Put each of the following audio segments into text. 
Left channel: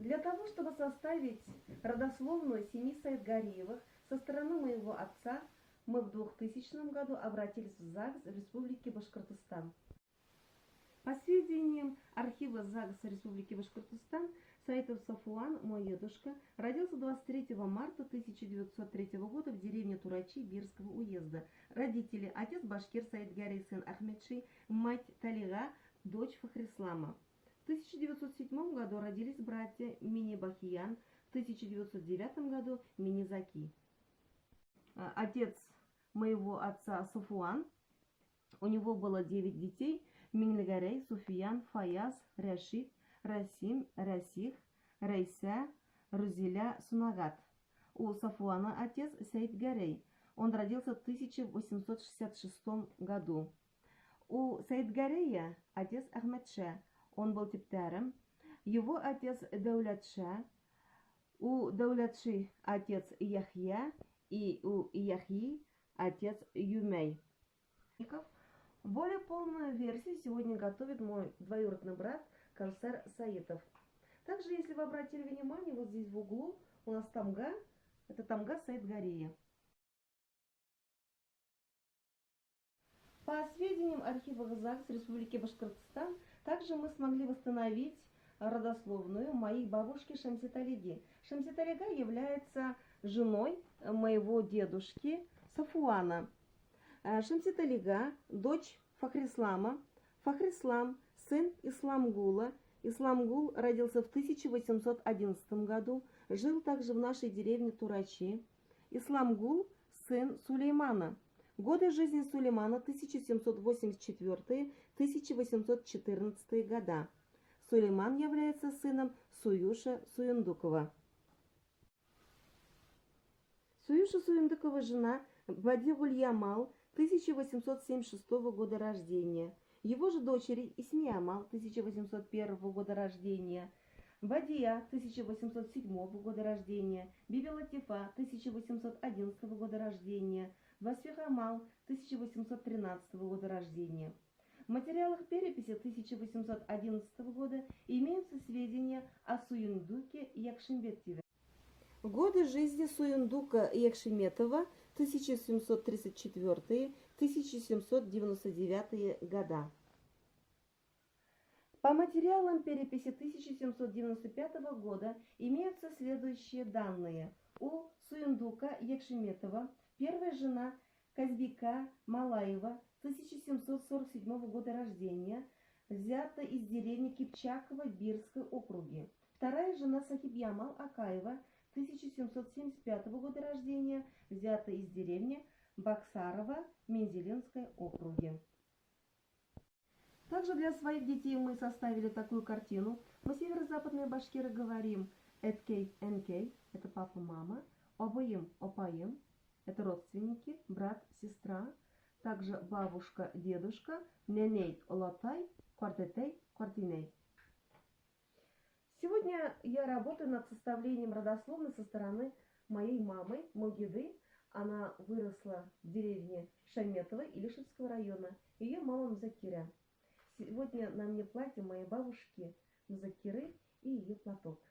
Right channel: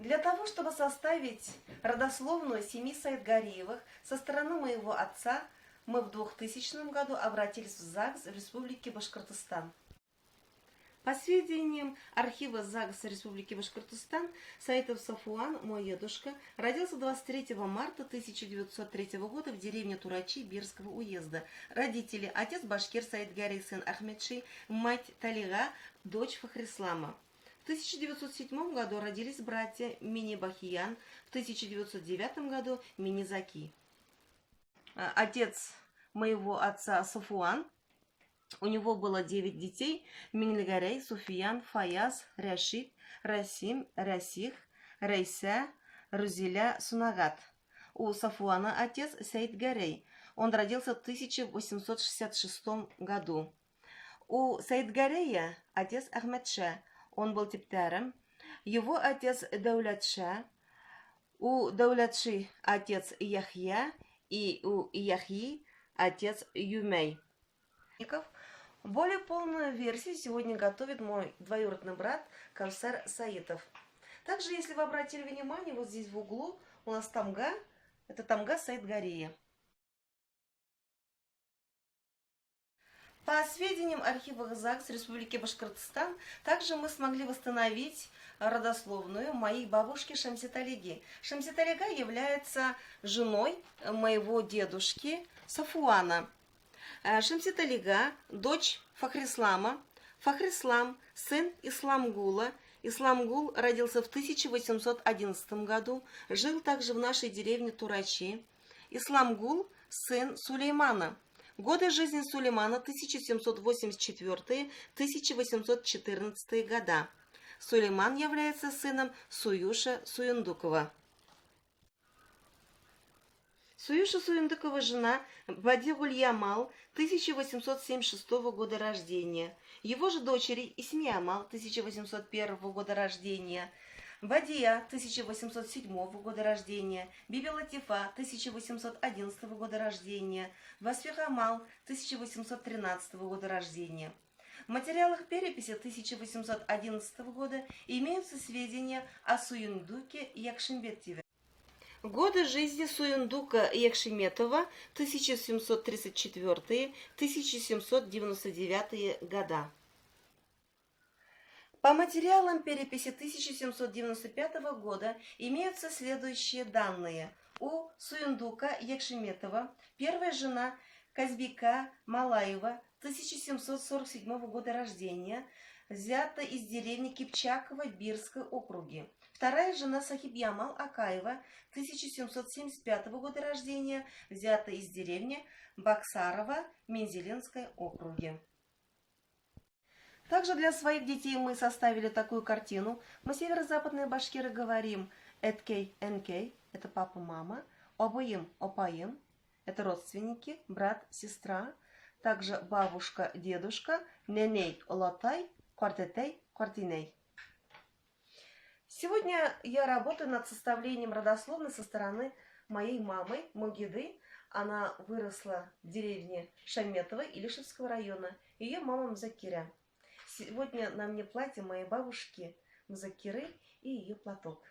Для того, чтобы составить родословную семьи Саидгариевых со стороны моего отца, мы в 2000 году обратились в ЗАГС в Республике Башкортостан. По сведениям архива ЗАГСа Республики Башкортостан, Саитов Сафуан, мой дедушка, родился 23 марта 1903 года в деревне Турачи Бирского уезда. Родители: отец Башкир Саидгарий, сын Ахмедши, мать Талига, дочь Фахрислама. В 1907 году родились братья Мини-Бахиян, в 1909 году Мини-Заки. Отец моего отца Сафуан. У него было 9 детей: Минильгарей, Суфиян, Фаяз, Рашид, Расим, Расих, Рейса, Рузиля, Сунагат. У Сафуана отец Саидгарей. Он родился в 1866 году. У Саидгарея отец Ахмедша. Он был типтаром. Его отец Даулятша. У Даулятши отец Яхья. И у Яхьи отец Юмей. Более полную версию сегодня готовит мой двоюродный брат Кавсар Саитов. Также, если вы обратили внимание, вот здесь в углу у нас тамга. Это тамга Саидгария. По сведениям архива ЗАГС Республики Башкортостан, также мы смогли восстановить родословную моей бабушки Шамситалиги. Шамситалига является женой моего дедушки Сафуана. Шамситалига – дочь Фахрислама. Фахрислам – сын Исламгула. Исламгул родился в 1811 году, жил также в нашей деревне Турачи. Исламгул – сын Сулеймана. Годы жизни Сулеймана 1784-1814 года. Сулейман является сыном Суюша Суюндукова. Суюша Суюндукова жена Бади Гуль-Ямал 1876 года рождения. Его же дочери Исми Амал 1801 года рождения, Бадия 1807 года рождения, Биби Латифа 1811 года рождения, Васфих Амал 1813 года рождения. В материалах переписи 1811 года имеются сведения о Суюндуке Якшимбетове. Годы жизни Суюндука Якшиметова 1734-1799 года. По материалам переписи 1795 года имеются следующие данные. У Суюндука Якшиметова первая жена Казбика Малаева 1747 года рождения, взята из деревни Кипчаково Бирской округи. Вторая жена Сахибьямал Акаева 1775 года рождения, взята из деревни Баксарова Мензелинской округе. Также для своих детей мы составили такую картину. Мы северо-западные башкиры говорим эткей, энкей, это папа, мама, обоим, опаим, это родственники, брат, сестра, также бабушка, дедушка, неней, олатай, квартетей, квартиней. Сегодня я работаю над составлением родословной со стороны моей мамы, Мугиды. Она выросла в деревне Шаметово Илишевского района. Ее мама Мзакиря. Сегодня на мне платье моей бабушки Мзакиры и ее платок.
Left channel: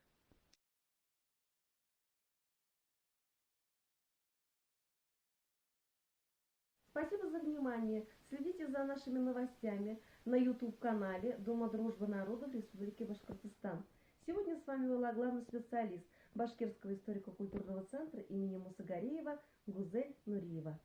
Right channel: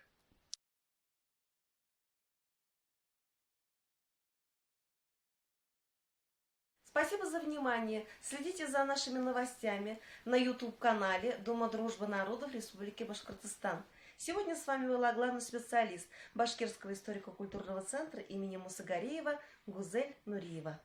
Спасибо за внимание. Следите за нашими новостями на YouTube-канале Дома дружбы народов Республики Башкортостан. Сегодня с вами была главный специалист Башкирского историко-культурного центра имени Мусагареева Гузель Нуриева.